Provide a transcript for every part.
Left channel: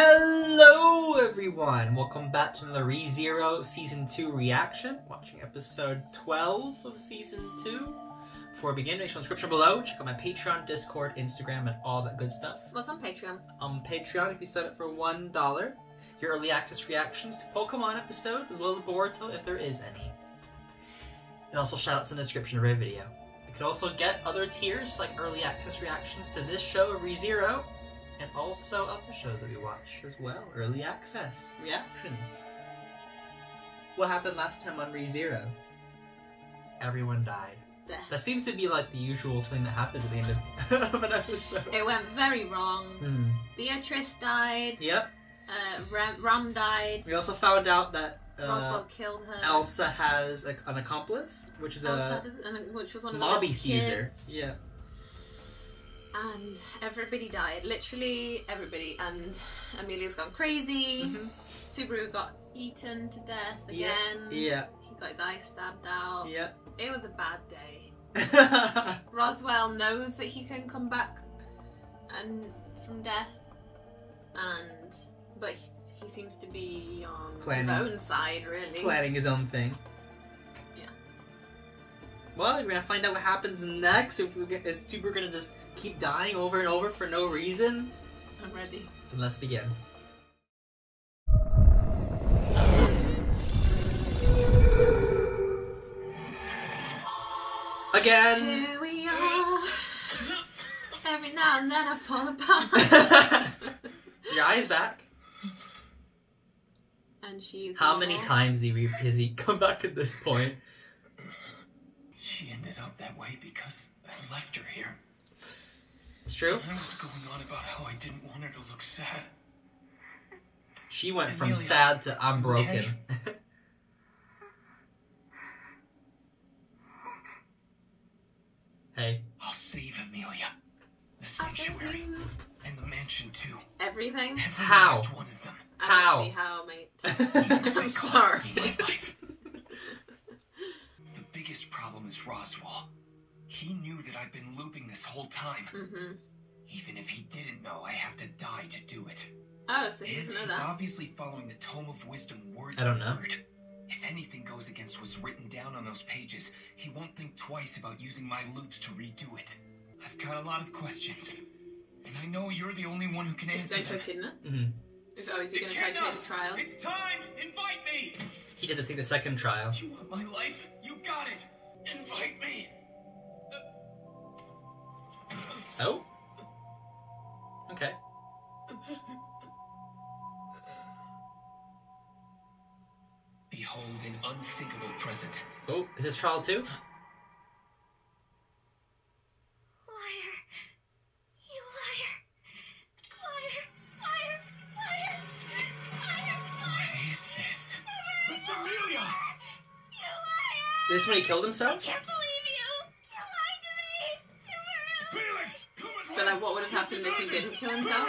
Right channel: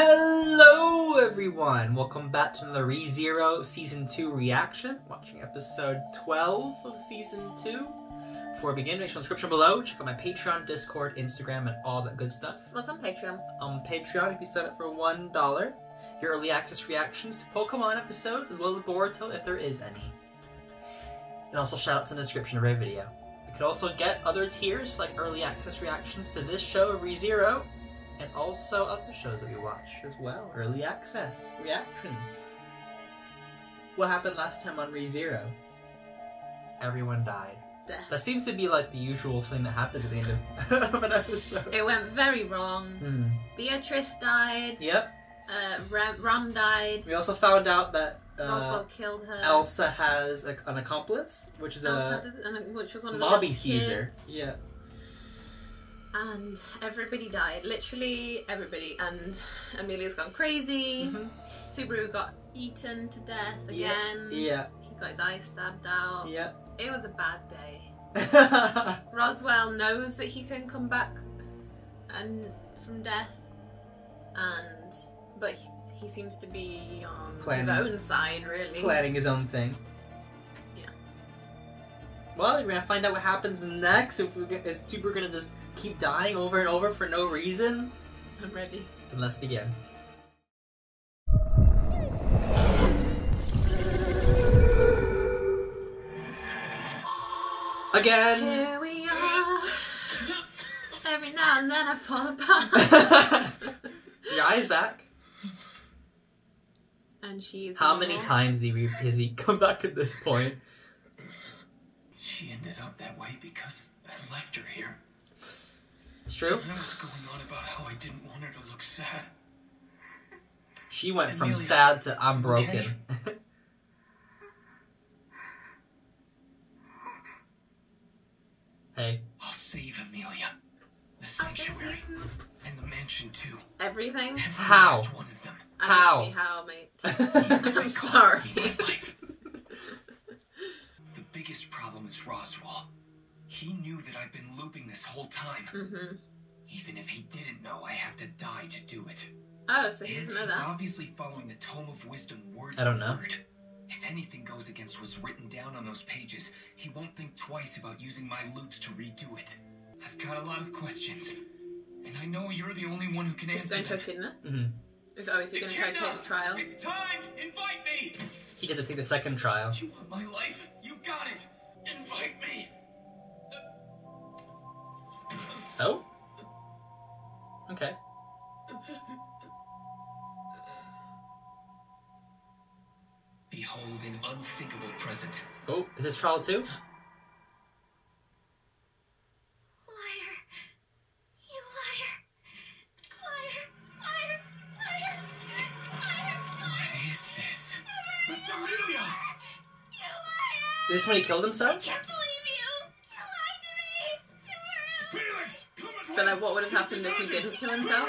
Hello everyone! Welcome back to another ReZero Season 2 reaction. Watching episode 12 of Season 2. Before we begin, make sure in the description below. Check out my Patreon, Discord, Instagram, and all that good stuff. What's on Patreon? On Patreon, if you set it for $1, your early access reactions to Pokemon episodes, as well as Boruto, if there is any. And also shoutouts in the description of every video. You can also get other tiers, like early access reactions to this show of ReZero, and also other shows that we watch as well. Early access reactions. What happened last time on ReZero? Everyone died. Death. That seems to be like the usual thing that happens at the end of an episode. It went very wrong. Beatrice died. Yep. Ram died. We also found out that Roswell killed her. Elsa has an accomplice, which is which was one of the Lobby kids. Caesar. Yeah. And everybody died. Literally everybody. And Amelia's gone crazy. Subaru got eaten to death again. Yeah. He got his eye stabbed out. Yep. It was a bad day. Roswell knows that he can come back from death, but he seems to be on his own side, really. Planning his own thing. Yeah. Well, we're gonna find out what happens next. If we're gonna just keep dying over and over for no reason. I'm ready. Then let's begin. Again. Here we are. Every now and then I fall apart. Your eye's back. And she's How many times has he come back at this point? She ended up that way because I left her here. It's true. And I was going on about how I didn't want her to look sad. She went from sad to I'm broken. Hey. I'll save Amelia. The sanctuary. And the mansion too. Everything? How? Last one of them. How? I don't see how, mate. I'm sorry. The biggest problem is Roswell. He knew that I've been looping this whole time. Even if he didn't know, I have to die to do it. Oh, so he doesn't know He's that. obviously following the Tome of Wisdom word I don't for know. word. If anything goes against what's written down on those pages, he won't think twice about using my loops to redo it. I've got a lot of questions, and I know you're the only one who can Is answer he going to them. Echidna? Oh, is he going to try to take the trial? It's time! Invite me! He did take the second trial. You want my life? You got it! Invite me! Oh? Okay. Behold an unthinkable present. Oh, is this trial too? Liar. You liar. Liar. Liar. Liar. Liar. What is this? It's Amelia! You liar. This is when he killed himself? Can't believe you. You lied to me. Felix! Come at So, like, what would have happened if he didn't kill himself?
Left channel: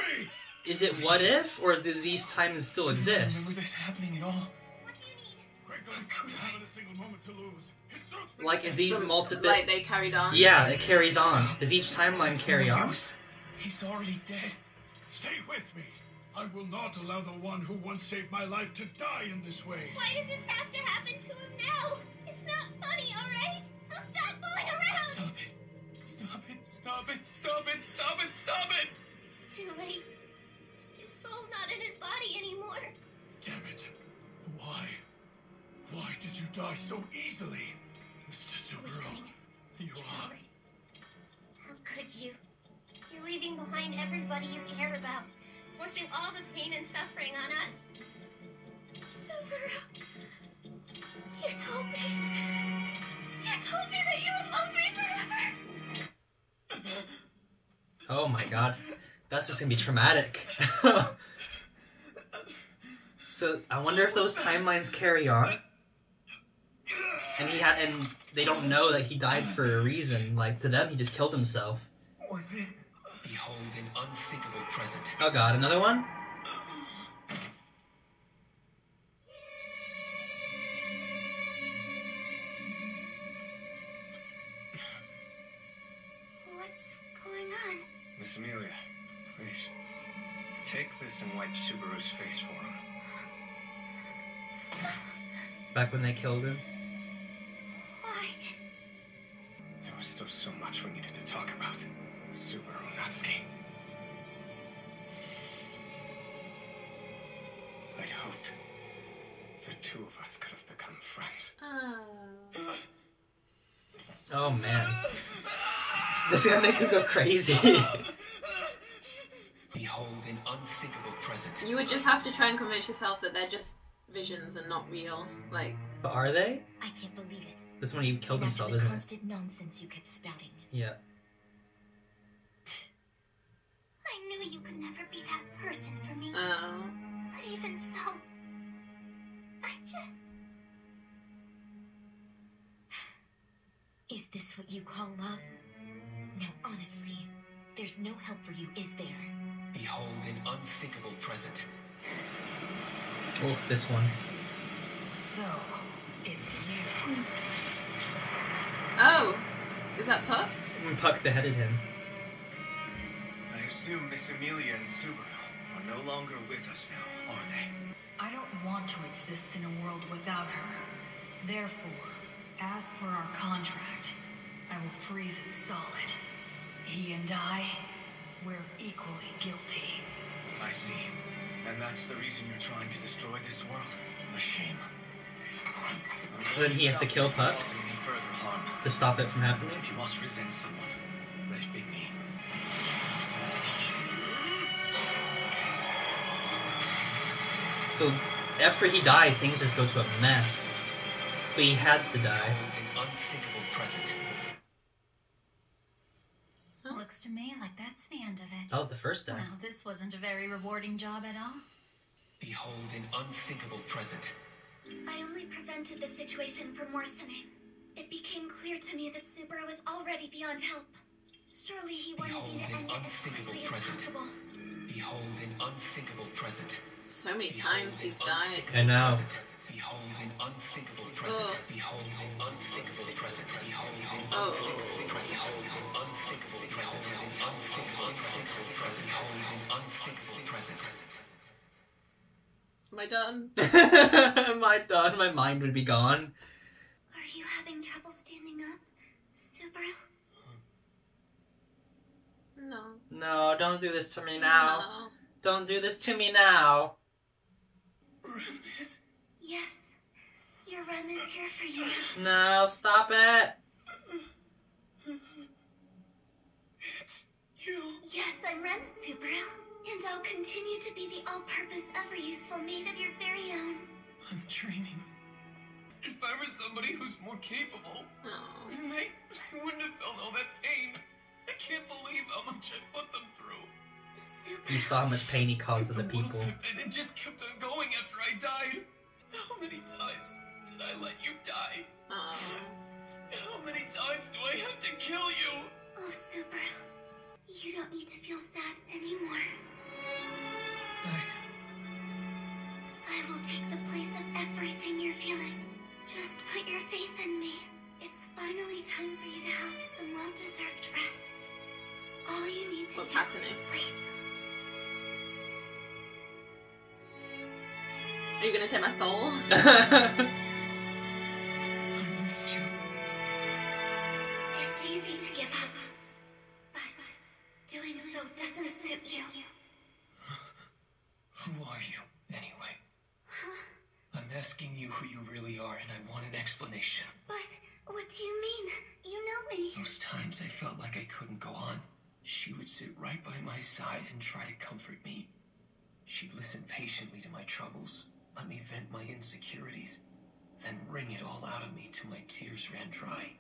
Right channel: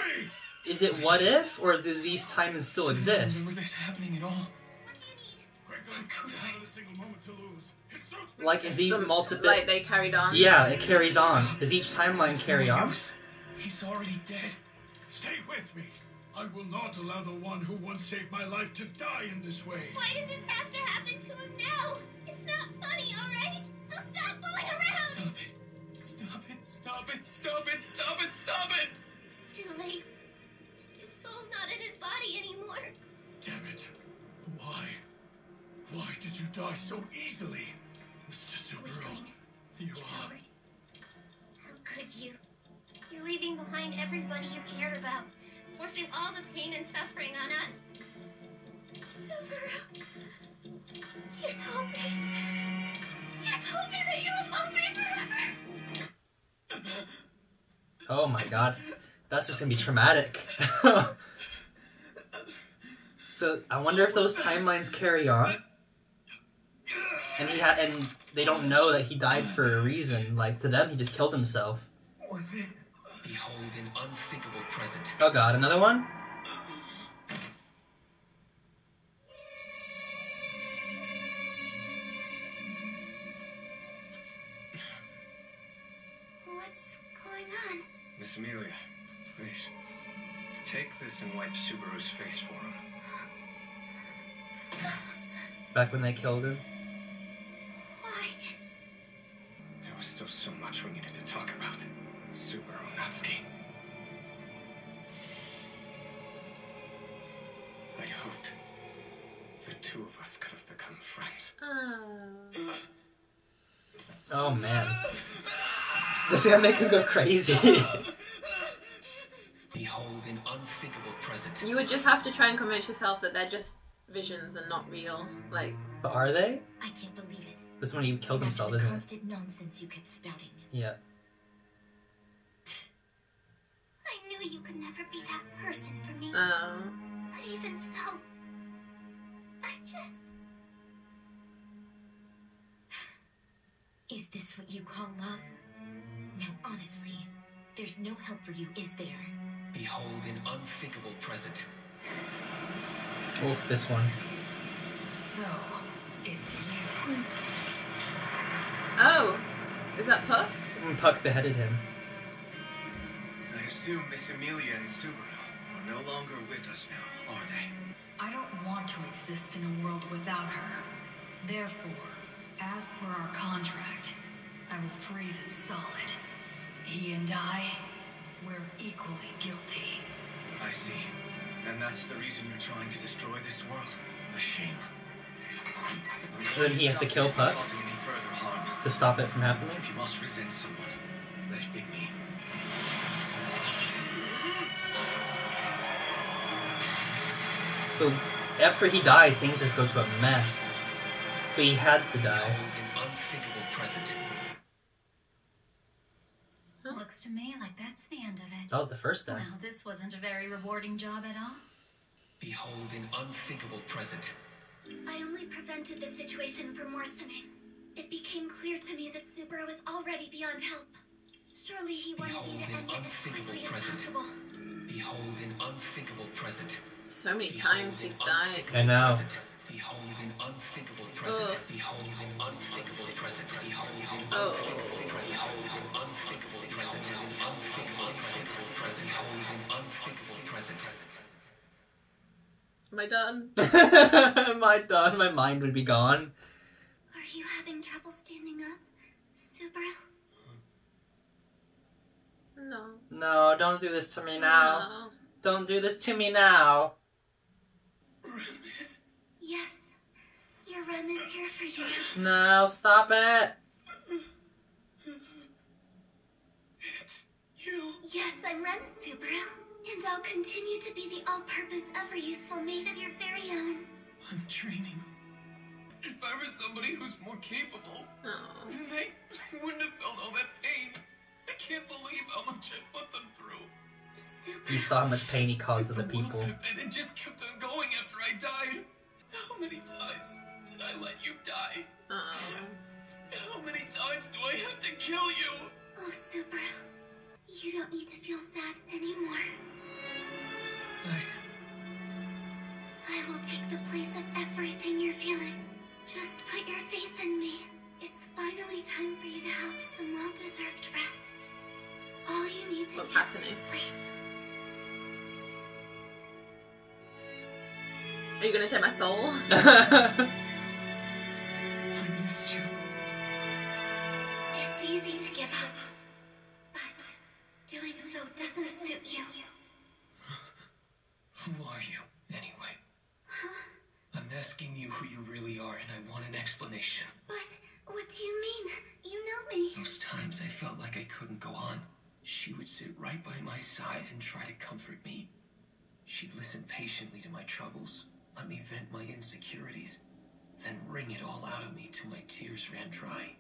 Is it what if, or do these times still exist? Remember this happening at all? What do you need? Franklin could have a single moment to lose. His throat's been Like, is these multiple... Like, they carried on? Yeah, it carries on. Does each timeline carry on? He's already dead. Stay with me. I will not allow the one who once saved my life to die in this way. Why did this have to happen to him now? It's not funny, alright? So stop fooling around. Stop it. Stop it. Stop it. Stop it. Stop it. Stop it. It's too late. His soul's not in his body anymore. Damn it. Why? Why did you die so easily? Mr. Subaru, you are... How could you? You're leaving behind everybody you care about, forcing all the pain and suffering on us. Subaru, you told me that you would love me forever. Oh my god. That's just gonna be traumatic. So, I wonder if those timelines carry on. And they don't know that he died for a reason. Like, to them, he just killed himself. Was it? Behold an unthinkable present. Oh god, another one? What's going on? Miss Amelia, please. Take this and wipe Subaru's face for him. Back when they killed him. Why? There was still so much we needed to talk about. Subaru Natsuki. I'd hoped the two of us could have become friends. Oh man. This is gonna make him go crazy. Behold an unthinkable present. You would just have to try and convince yourself that they're just visions and not real. Like, But are they? I can't believe it. This is when he killed And after himself, the isn't it? constant nonsense you kept spouting. Yeah. I knew you could never be that person for me. oh. But even so, I just... Is this what you call love? Now, honestly, there's no help for you, is there? Behold an unthinkable present. Oh, this one. So, it's you. Oh. Is that Puck? When Puck beheaded him. I assume Miss Amelia and Subaru are no longer with us now, are they? I don't want to exist in a world without her. Therefore, as per our contract, I will freeze it solid. He and I, we're equally guilty. I see. And that's the reason you're trying to destroy this world? A shame. So then he has to kill Puck? Causing any further harm. To stop it from happening? If you must resent someone, let it be me. So after he dies, things just go to a mess. But he had to die. Behold an unthinkable present. Looks to me like that's the end of it. That was the first death. Well, this wasn't a very rewarding job at all. Behold an unthinkable present. I only prevented the situation from worsening. It became clear to me that Subaru was already beyond help. Surely he wanted me to Behold an end it as unthinkable quickly as present. possible. Behold an unthinkable present. So many times he's died. I know. Behold an unthinkable present. Ugh. Behold an unthinkable present. Behold an Oh. unthinkable present. Behold an unthinkable present. An unthinkable present. Behold an unthinkable present. Am I done? Am I done? My mind would be gone. Are you having trouble standing up, Subaru? No. No, don't do this to me now. No. Don't do this to me now. Yes. Your Rem is here for you. No, stop it. It's you. Yes, I'm Rem, Subaru. And I'll continue to be the all-purpose, ever-useful mate of your very own. I'm dreaming. If I were somebody who's more capable, Oh. then I wouldn't have felt all that pain. I can't believe how much I put them through. Subaru. You saw how much pain he caused to the world people. and it just kept on going after I died. How many times did I let you die? Oh. How many times do I have to kill you? Oh, Subaru. You don't need to feel sad anymore. I will take the place of everything you're feeling. Just put your faith in me. It's finally time for you to have some well-deserved rest. All you need to What's do happening? is sleep. Are you gonna take my soul? I missed you. It's easy to give up, but doing so doesn't suit you. Who are you, anyway? I'm asking you who you really are, and I want an explanation. But what do you mean? You know me. Those times I felt like I couldn't go on. She would sit right by my side and try to comfort me. She'd listen patiently to my troubles, let me vent my insecurities, then wring it all out of me till my tears ran dry.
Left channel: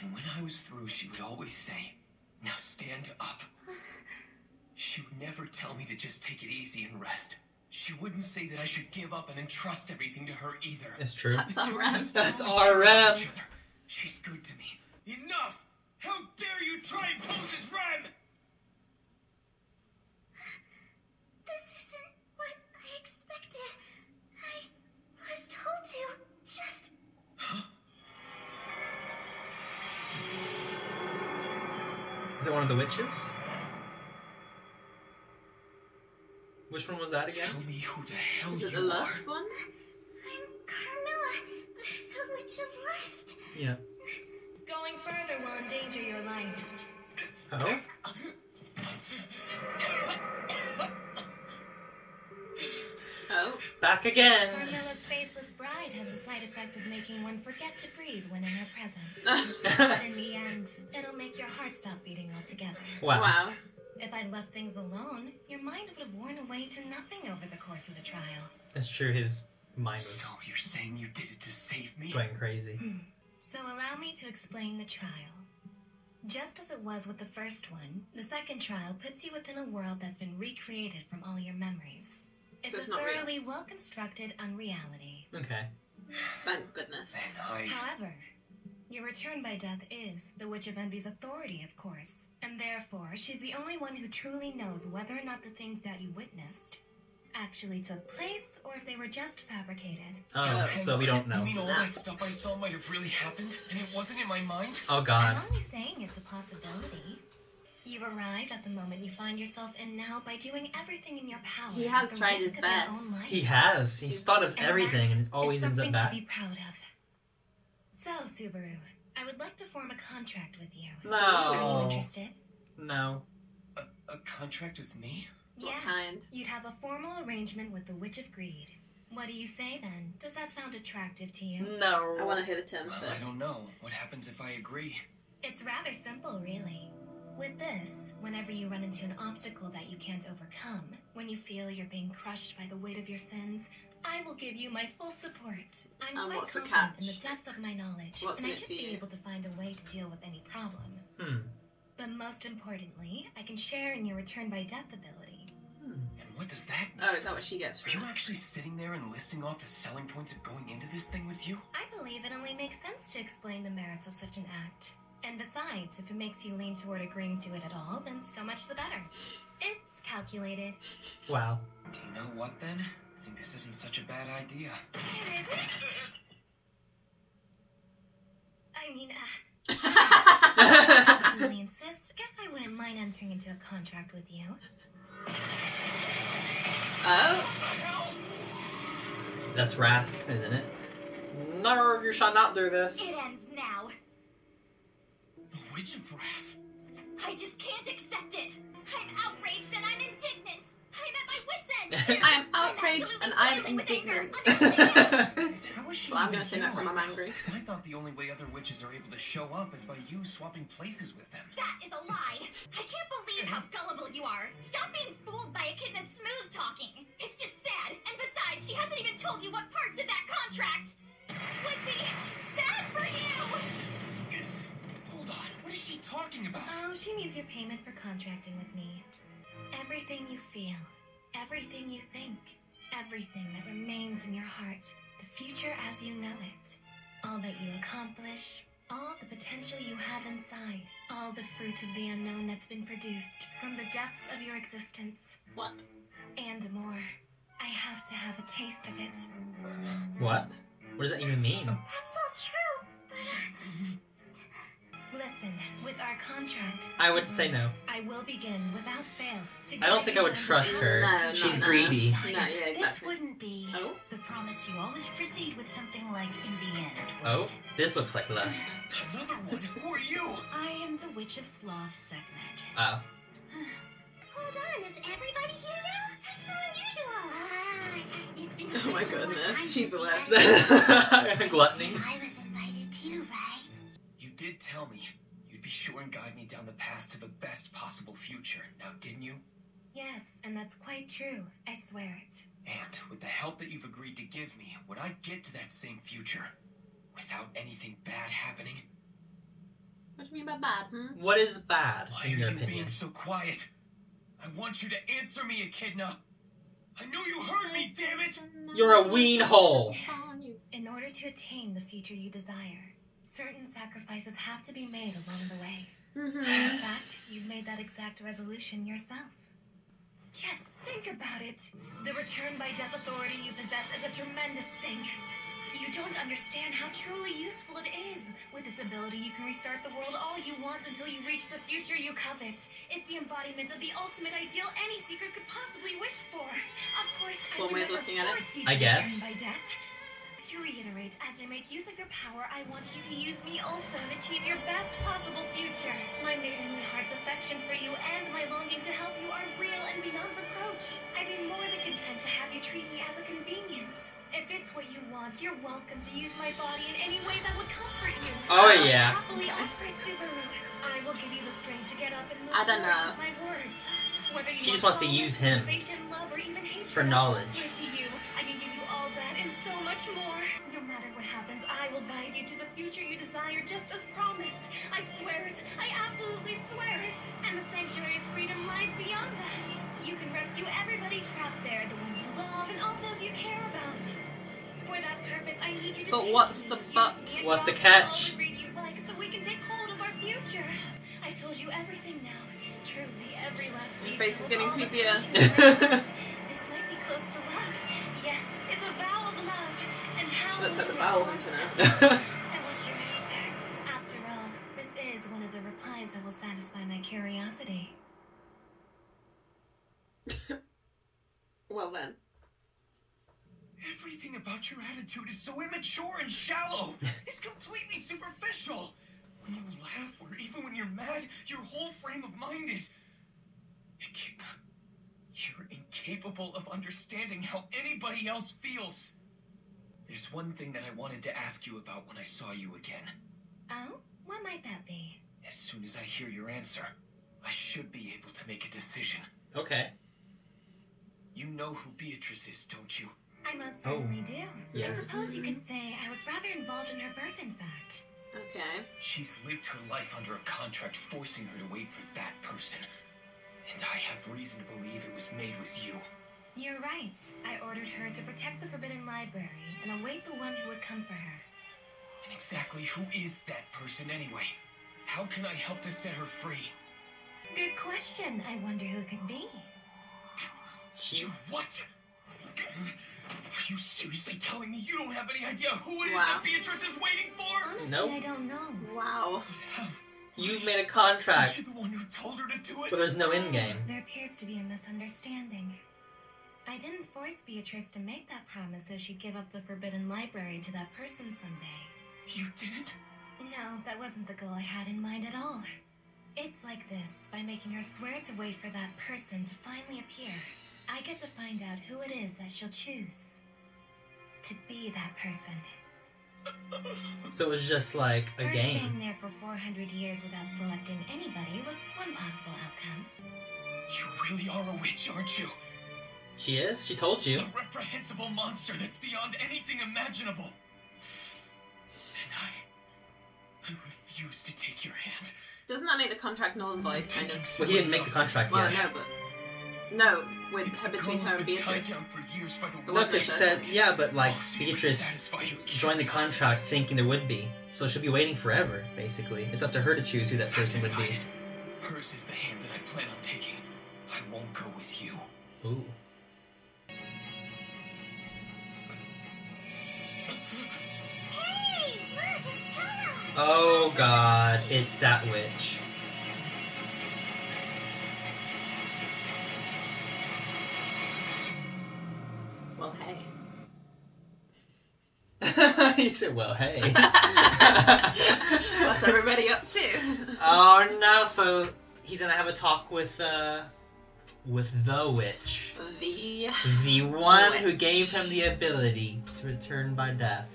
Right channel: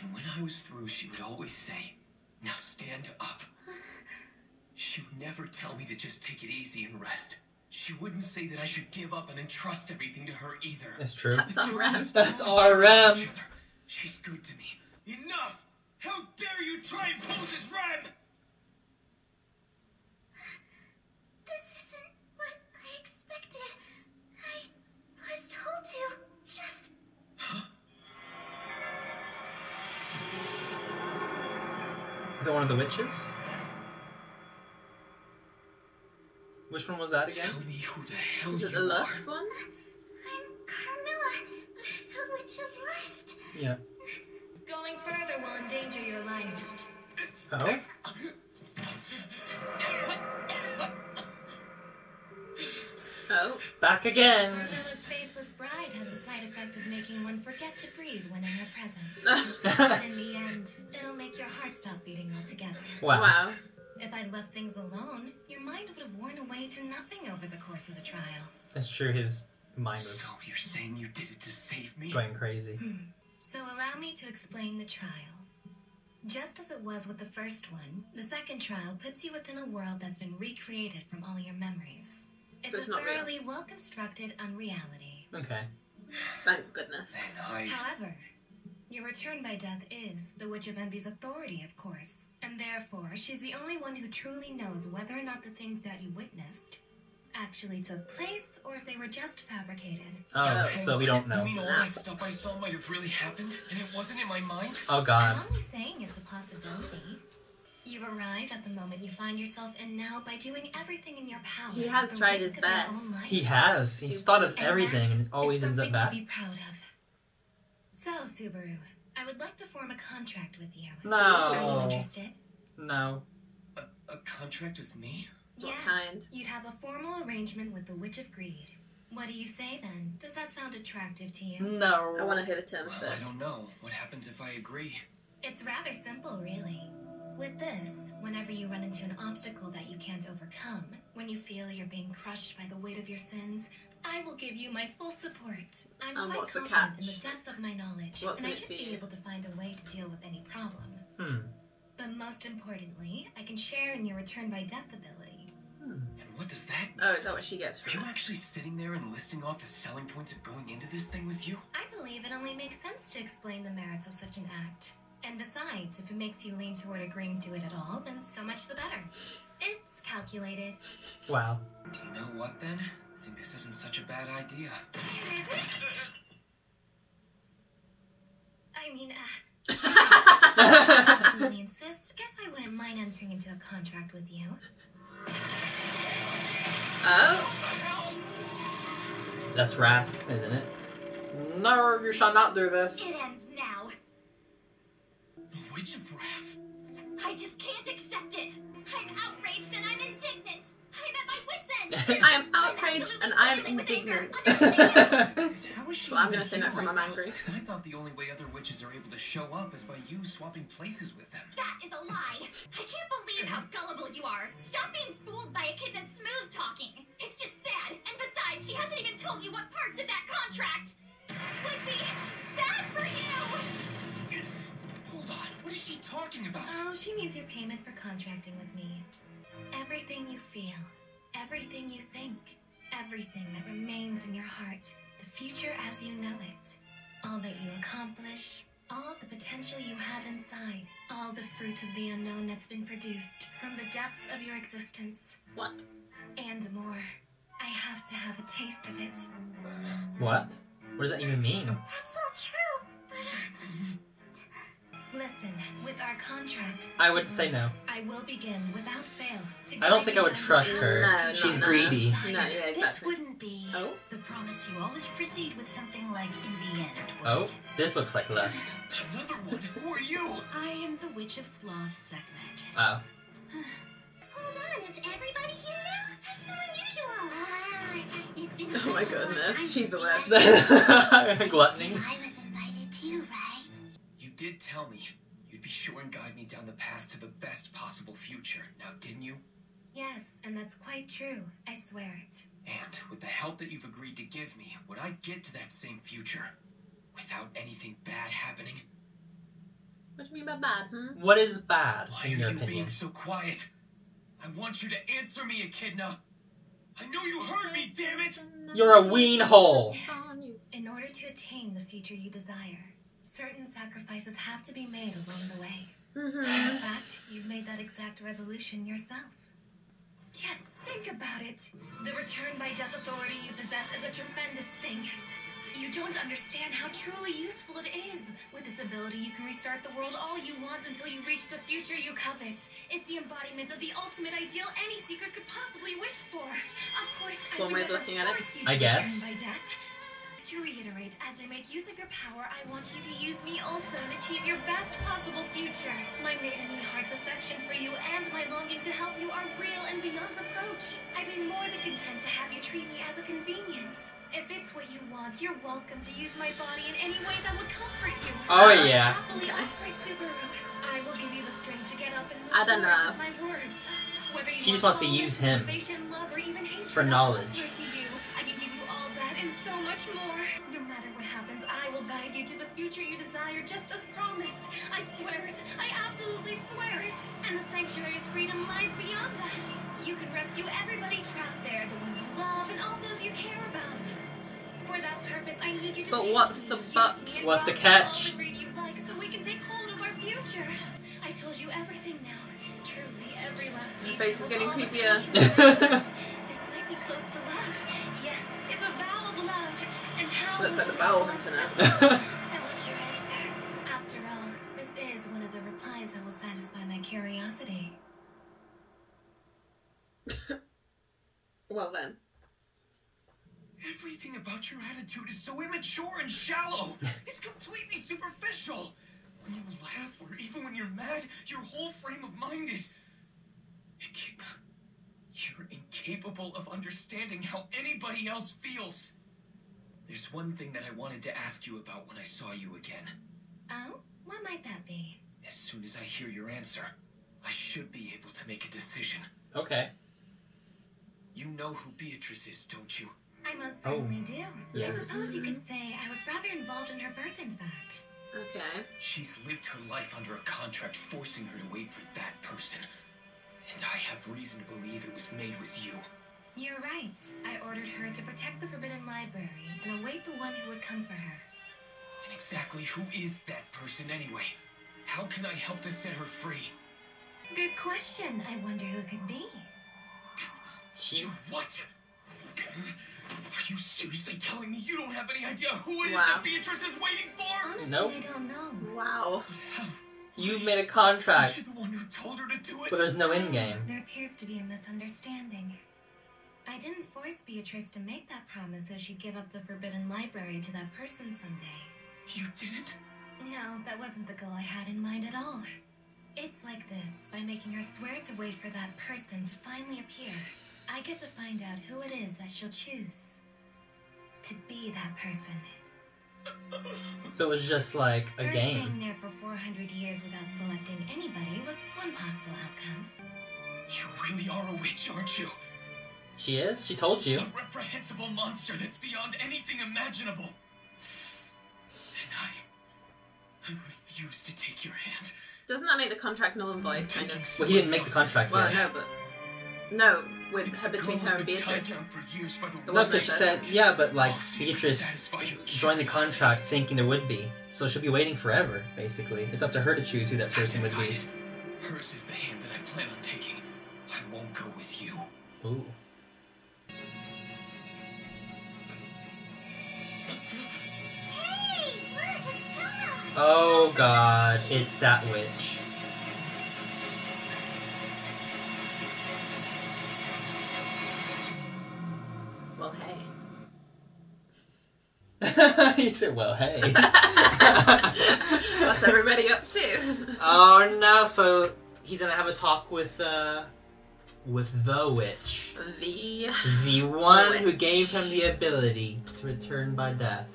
And when I was through, she would always say, "Now stand up." She would never tell me to just take it easy and rest. She wouldn't say that I should give up and entrust everything to her either. It's true. That's our Rem. That's our Rem. Each other. She's good to me. Enough! How dare you try and pose as Ren! This isn't what I expected. I was told to just... Is it one of the witches? Which one was that again? Tell me who the hell Is it the you are. lust one? I'm Carmilla, the Witch of Lust. Yeah. Going further will endanger your life. Oh? Oh. Back again! Carmilla's faceless bride has a side effect of making one forget to breathe when in her presence. But in the end, it'll make your heart stop beating altogether. Wow. Wow. If I'd left things alone, your mind would have worn away to nothing over the course of the trial. That's true, his mind was So you're saying you did it to save me? going crazy. So allow me to explain the trial. Just as it was with the first one, the second trial puts you within a world that's been recreated from all your memories. It's it's a not real. thoroughly well-constructed unreality. Okay. Thank goodness. And However, your return by death is the Witch of Envy's authority, of course, and therefore she's the only one who truly knows whether or not the things that you witnessed actually took place or if they were just fabricated. Oh, so we don't You know. mean all that stuff I saw might have really happened, and it wasn't in my mind? Oh god. I'm only saying it's a possibility. You've arrived at the moment you find yourself in now by doing everything in your power. He has at the tried risk his of your best. own life. He has. He's thought of And everything that and it always is ends up something bad. to be proud of. So, Subaru, I would like to form a contract with you. No. Are you interested? No. A contract with me? What Yes. kind? You'd have a formal arrangement with the Witch of Greed. What do you say then? Does that sound attractive to you? No. I want to hear the terms Well, I first. don't know. What happens if I agree? It's rather simple, really. With this, whenever you run into an obstacle that you can't overcome, when you feel you're being crushed by the weight of your sins, I will give you my full support. I'm And quite what's the confident in the catch? depths of my knowledge, What's and in I it should for be you? able to find a way to deal with any problem. Hmm. But most importantly, I can share in your return by death ability. And what does that mean? Oh, is that what she gets Are from you it? actually sitting there and listing off the selling points of going into this thing with you? I believe it only makes sense to explain the merits of such an act. And besides, if it makes you lean toward agreeing to it at all, then so much the better. It's calculated. Wow. Do you know what then? I think this isn't such a bad idea. It isn't? I mean, Oh. really insist. Guess I wouldn't mind entering into a contract with you. Oh. That's wrath, isn't it? No, you shall not do this. It ends now. The Witch of Wrath? I just can't accept it. I'm outraged and I'm indignant. I'm at my wit's end. I am outraged and I am boiling with anger. indignant. And how is she Well, I'm even gonna say next here time I'm right angry. now? 'Cause I thought the only way other witches are able to show up is by you swapping places with them. That is a lie. I can't believe how gullible you are. Stop being fooled by Echidna's smooth talking. It's just sad. And besides, she hasn't even told you what parts of that contract would be bad for you. Hold on, what is she talking about? Oh, she needs your payment for contracting with me. Everything you feel, everything you think, everything that remains in your heart, the future as you know it, all that you accomplish, all the potential you have inside, all the fruit of the unknown that's been produced from the depths of your existence, What? and more. I have to have a taste of it. What? What does that even mean? That's all true, but Listen, with our contract, I would say no. I will begin without fail. To I don't guide think you I would down trust the her. No, She's no. greedy. No, yeah, This exactly. wouldn't be Oh. the promise you always proceed with something like in the end. would Oh, it? this looks like lust. Another one? Who are you? I am the Witch of Sloth Segment. Oh. hold on, is everybody here now? That's so unusual. It's been Oh my such a long goodness, time she's the since worst. you Gluttony. I was invited too, right? You did tell me you'd be sure and guide me down the path to the best possible future, now didn't you? Yes, and that's quite true. I swear it. And with the help that you've agreed to give me, would I get to that same future without anything bad happening? What do you mean by bad, What is bad, Why in are your you opinion? being so quiet? I want you to answer me, Echidna. I know you heard me, damn it! You're a ween hole. In order to attain the future you desire, certain sacrifices have to be made along the way. Mm-hmm. In fact, you've made that exact resolution yourself. Just think about it. The return by death authority you possess is a tremendous thing. You don't understand how truly useful it is. With this ability, you can restart the world all you want until you reach the future you covet. It's the embodiment of the ultimate ideal any seeker could possibly wish for. Of course, That's one way of looking at it. I guess. By death. To reiterate, as I make use of your power, I want you to use me also and achieve your best possible future. My maidenly heart's affection for you and my longing to help you are real and beyond reproach. I'd be more than content to have you treat me as a convenience. If it's what you want, you're welcome to use my body in any way that would comfort you. Oh, yeah. Happily offer, Subaru. I will give you the strength to get up and move I don't know. forward with my words. Whether you She just want wants to solace, use him motivation, love, or even hatred, for knowledge. to you, I can give you all that and so much more. No matter what happens, I will guide you to the future you desire, just as promised. I swear it. I absolutely swear it. And the sanctuary's freedom lies beyond that. You can rescue everybody trapped there, the ones you love and all those you care about. For that purpose, I need you to But take what's me. the Use but? me and What's the promise all catch? the greed you'd like so we can take hold of our future. I told you everything now. Truly, every last Your detail face is of getting all the creepier. passion. This might be close to love. Yes, it's a vow of love. And how She looks like will the you bowel respond hunter to now. that? I want your answer. After all, this is one of the replies that will satisfy my curiosity. Well then. Everything about your attitude is so immature and shallow. It's completely superficial. When you laugh or even when you're mad, your whole frame of mind is... You're incapable of understanding how anybody else feels. There's one thing that I wanted to ask you about when I saw you again. Oh? What might that be? As soon as I hear your answer, I should be able to make a decision. Okay. You know who Beatrice is, don't you? I most certainly do. I yes. suppose you could say I was rather involved in her birth, in fact. Okay. She's lived her life under a contract forcing her to wait for that person. And I have reason to believe it was made with you. You're right. I ordered her to protect the Forbidden Library and await the one who would come for her. And exactly who is that person anyway? How can I help to set her free? Good question. I wonder who it could be. She... What? Are you seriously telling me you don't have any idea who it is Wow. that Beatrice is waiting for? Honestly, Nope. I don't know. Wow. How? You made a contract, You're the one who told her to do it? but there's no end game. There appears to be a misunderstanding. I didn't force Beatrice to make that promise so she'd give up the Forbidden Library to that person someday. You didn't? No, that wasn't the goal I had in mind at all. It's like this. By making her swear to wait for that person to finally appear, I get to find out who it is that she'll choose to be that person. So it was just like a Her game. staying there for 400 years without selecting anybody was one possible outcome. You really are a witch, aren't you? She is? She told you. A reprehensible monster that's beyond anything imaginable. And I refuse to take your hand. Doesn't that make the contract null and void, kind of? Well, he didn't make the contract Well, yet. no, but... No, with It's her the between goal her and that's been Beatrice. tied down for years by the The No, one because she that said, yeah, but like, Because you Beatrice satisfy your joined the curiosity. contract thinking there would be. So she'll be waiting forever, basically. It's up to her to choose who that person would be. Decided. Hers is the hand that I plan on taking. I won't go with you. Ooh. Hey, look, it's Tana. Oh god, it's that witch. Well, hey. You said, well, hey. What's everybody up to? Oh no, so he's gonna have a talk with the witch. The one who gave him the ability to return by death.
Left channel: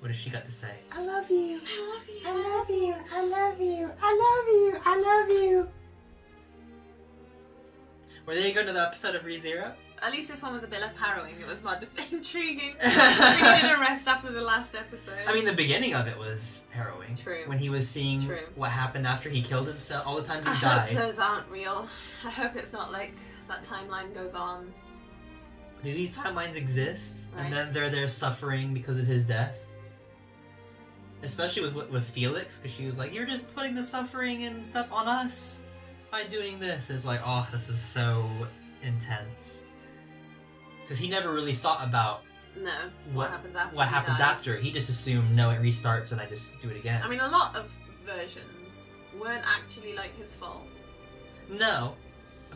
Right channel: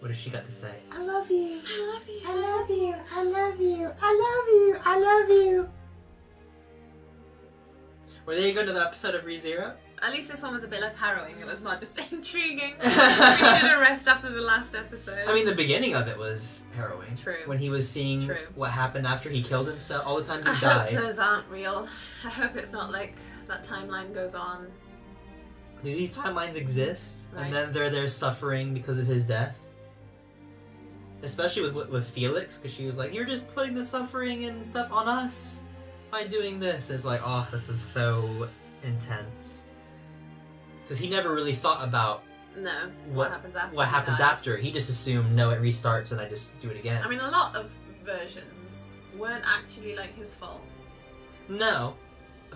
What has she got to say? I love you. I love you. I love you. I love you. I love you. I love you. Were they going to the episode of ReZero? At least this one was a bit less harrowing. It was more just intriguing. We did a rest after the last episode. I mean, the beginning of it was harrowing. True. When he was seeing True. what happened after he killed himself, all the times I he hope died. those aren't real. I hope it's not like that timeline goes on. Do these timelines exist? Right. And then they're there suffering because of his death? Especially with Felix, because she was like, you're just putting the suffering and stuff on us by doing this. It's like, oh, this is so intense. Because he never really thought about No. What happens after? What happens after? He just assumed, no, it restarts and I just do it again. I mean, a lot of versions weren't actually like his fault. No,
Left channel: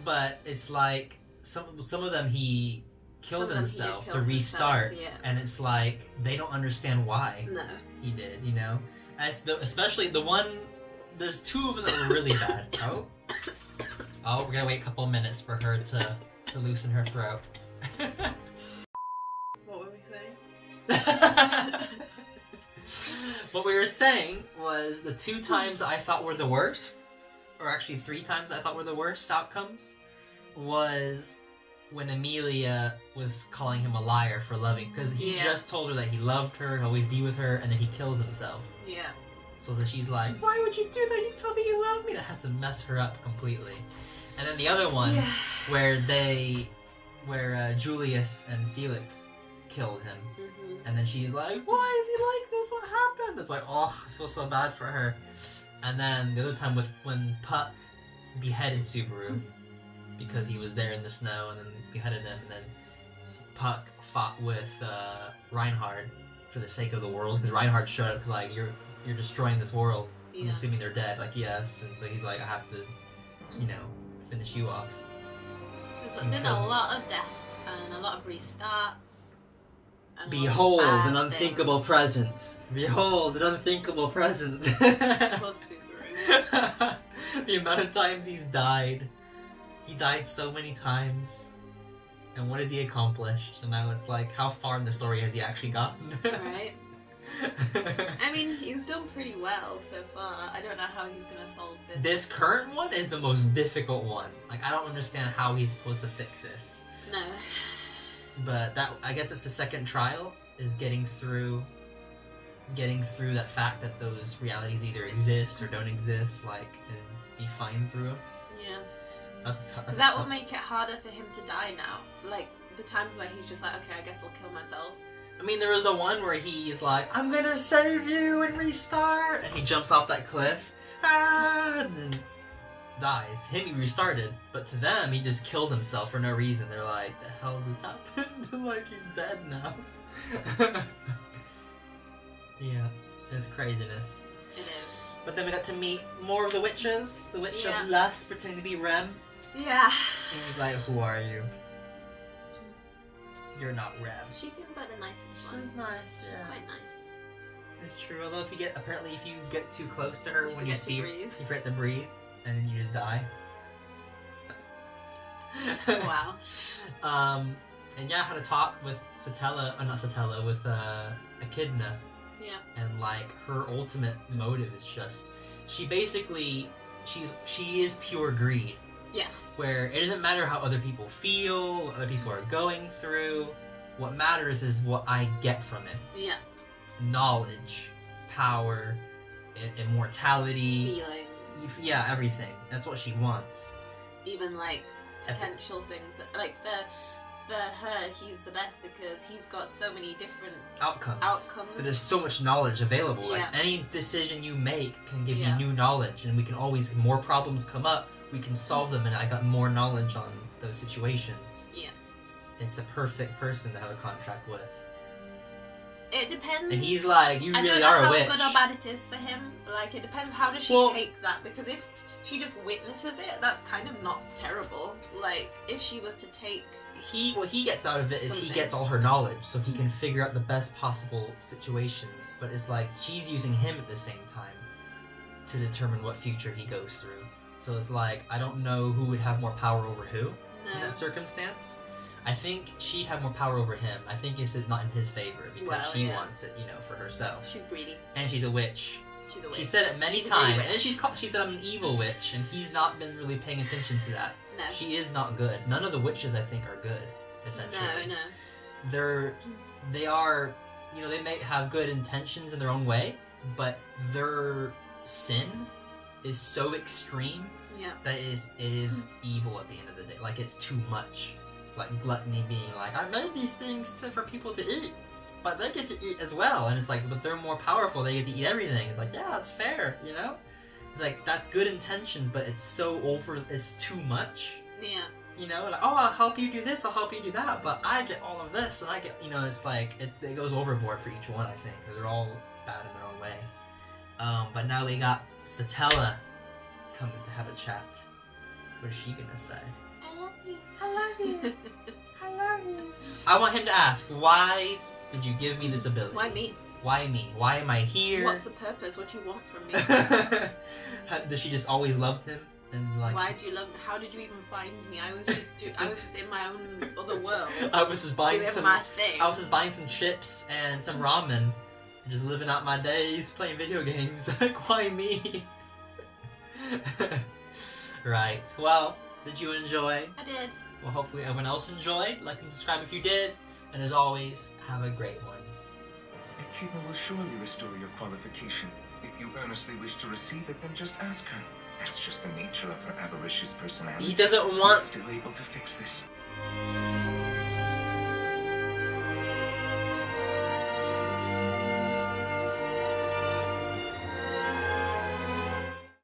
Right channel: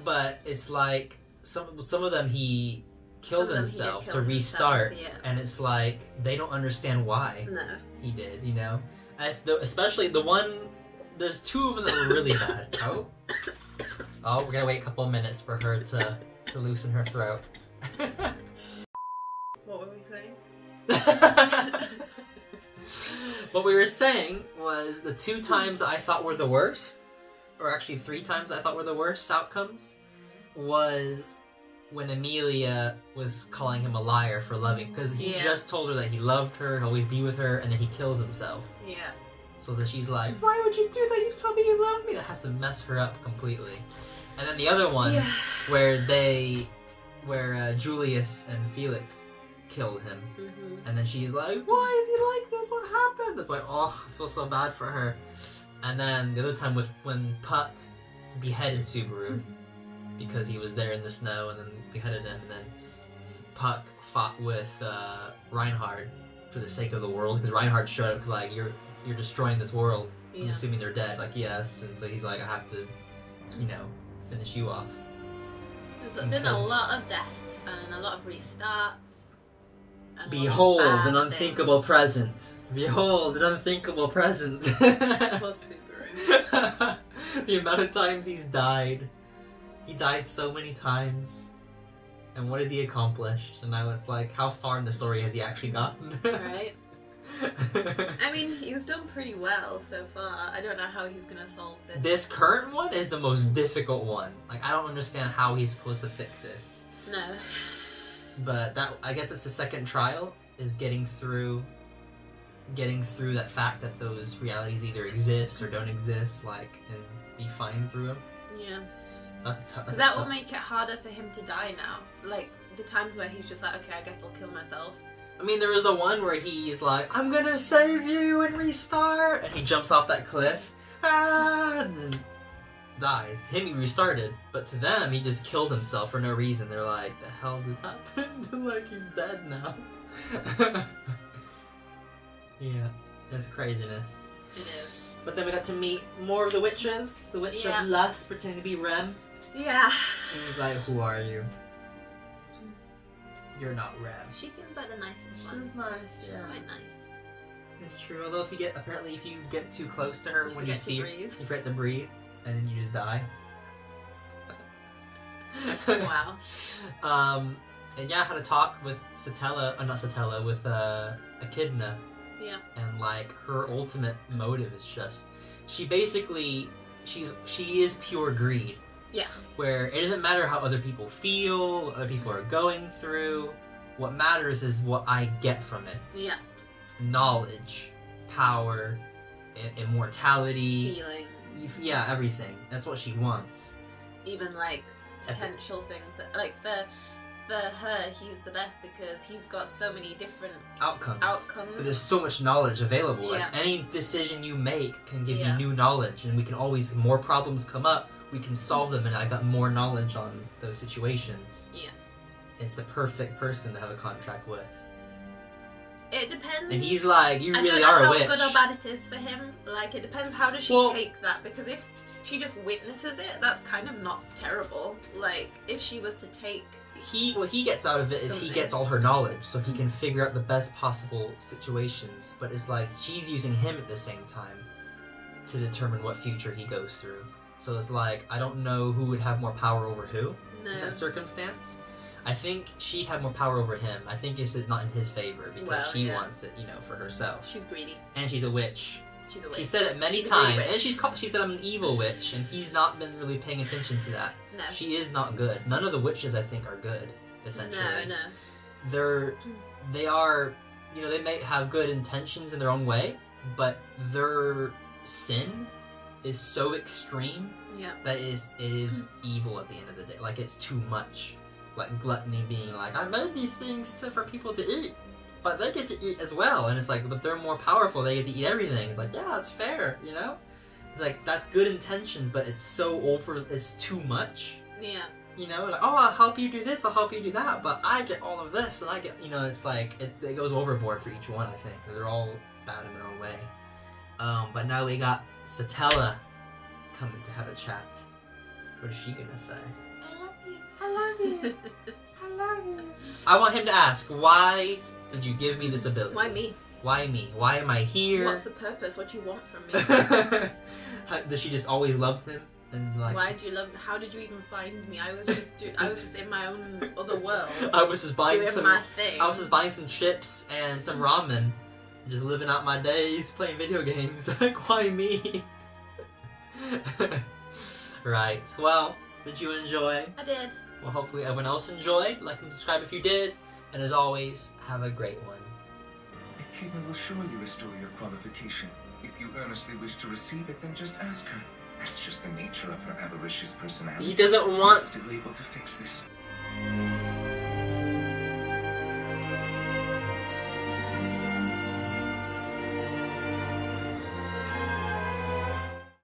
but it's like some of them he killed himself to restart, and it's like they don't understand why he did. You know, especially the one. There's two of them that were really bad. Oh, we're gonna wait a couple of minutes for her to loosen her throat. What were we saying? What we were saying was the 2 times I thought were the worst, or actually 3 times I thought were the worst outcomes, was when Amelia was calling him a liar for loving, because he just told her that he loved her, he'd always be with her, and then he kills himself. Yeah. So that she's like, why would you do that? You told me you loved me. That has to mess her up completely. And then the other one, where Julius and Felix killed him. And then she's like, why is he like this? What happened? It's like, oh, I feel so bad for her. And then the other time was when Puck beheaded Subaru because he was there in the snow, and then beheaded him. And then Puck fought with Reinhard for the sake of the world, because Reinhard showed up like, you're destroying this world. I'm assuming they're dead. Like, yes. And so he's like, I have to, finish you off. There's been a lot of death and a lot of restarts. Behold an unthinkable present. Behold an unthinkable present. Poor Subaru. The amount of times he's died. He died so many times. And what has he accomplished? And now it's like, how far in the story has he actually gotten? Right. I mean, he's done pretty well so far. I don't know how he's gonna solve this. This current one is the most difficult one. Like, I don't understand how he's supposed to fix this. No. But I guess it's the second trial, is getting through that fact that those realities either exist or don't exist, like, and be fine through them. Yeah. So because that will make it harder for him to die now. Like, the times where he's just like, okay, I guess I'll kill myself. I mean, there was the one where he's like, I'm gonna save you and restart, and he jumps off that cliff, and then dies. Him, he restarted, but to them, he just killed himself for no reason. They're like, the hell just happened? Like, he's dead now. Yeah, it's craziness. It is. But then we got to meet more of the witches. The Witch of Lust, pretending to be Rem. Yeah. And he's like, who are you? You're not Rem. She seems like the nicest one. She's nice, yeah. She's quite nice. It's true. Although if you get too close to her, when you see her, breathe. you forget to breathe, and then you just die. Wow. And yeah, I had a talk with with Echidna. Yeah. And like, her ultimate motive is just, she is pure greed. Yeah. Where it doesn't matter how other people feel, what other people are going through. What matters is what I get from it. Yeah. Knowledge, power, immortality. Feelings. Yeah, everything. That's what she wants. Even like potential things. Like for her, he's the best because he's got so many different outcomes. There's so much knowledge available. Yeah. Like, any decision you make can give you new knowledge, and we can always, more problems come up, we can solve them, and I got more knowledge on those situations. Yeah. It's the perfect person to have a contract with. It depends. And he's like, you really are a witch. I don't know how good or bad it is for him. Like, it depends how does she take that, because if she just witnesses it, that's kind of not terrible. Like, if she was to take... What he gets out of it is he gets all her knowledge, so he can figure out the best possible situations. But it's like, she's using him at the same time to determine what future he goes through. So it's like, I don't know who would have more power over who in that circumstance. I think she had more power over him. I think it's not in his favor because she wants it, for herself. She's greedy. And she's a witch. She's a witch. She said it many times. And she said, I'm an evil witch, and he's not been really paying attention to that. No. She is not good. None of the witches, I think, are good, essentially. No. They are, they may have good intentions in their own way, but their sin is so extreme that it is evil at the end of the day. Like, it's too much. Like, gluttony being like, I made these things for people to eat, but they get to eat as well. And it's like, but they're more powerful, they get to eat everything. It's like, yeah, it's fair, It's like, that's good intentions, but it's so it's too much. Yeah. you know, like, oh, I'll help you do this, I'll help you do that, but I get all of this, and I get, you know, it's like, it goes overboard for each one, I think, because they're all bad in their own way. But now we got Satella coming to have a chat. What is she gonna say? I love you. I love you. I love you. I want him to ask, why did you give me this ability? Why me? Why me? Why am I here? What's the purpose? What do you want from me? Does she just always loved him? And like, why do you love me? How did you even find me? I was just in my own other world. I was just buying doing my thing. I was just buying some chips and some ramen, just living out my days, playing video games. Like, why me? Right. Well, did you enjoy? I did. Well, hopefully everyone else enjoyed. Like and subscribe if you did. And as always, have a great one. Echidna will surely restore your qualification. If you earnestly wish to receive it, then just ask her. That's just the nature of her avaricious personality. He doesn't want... She's still able to fix this.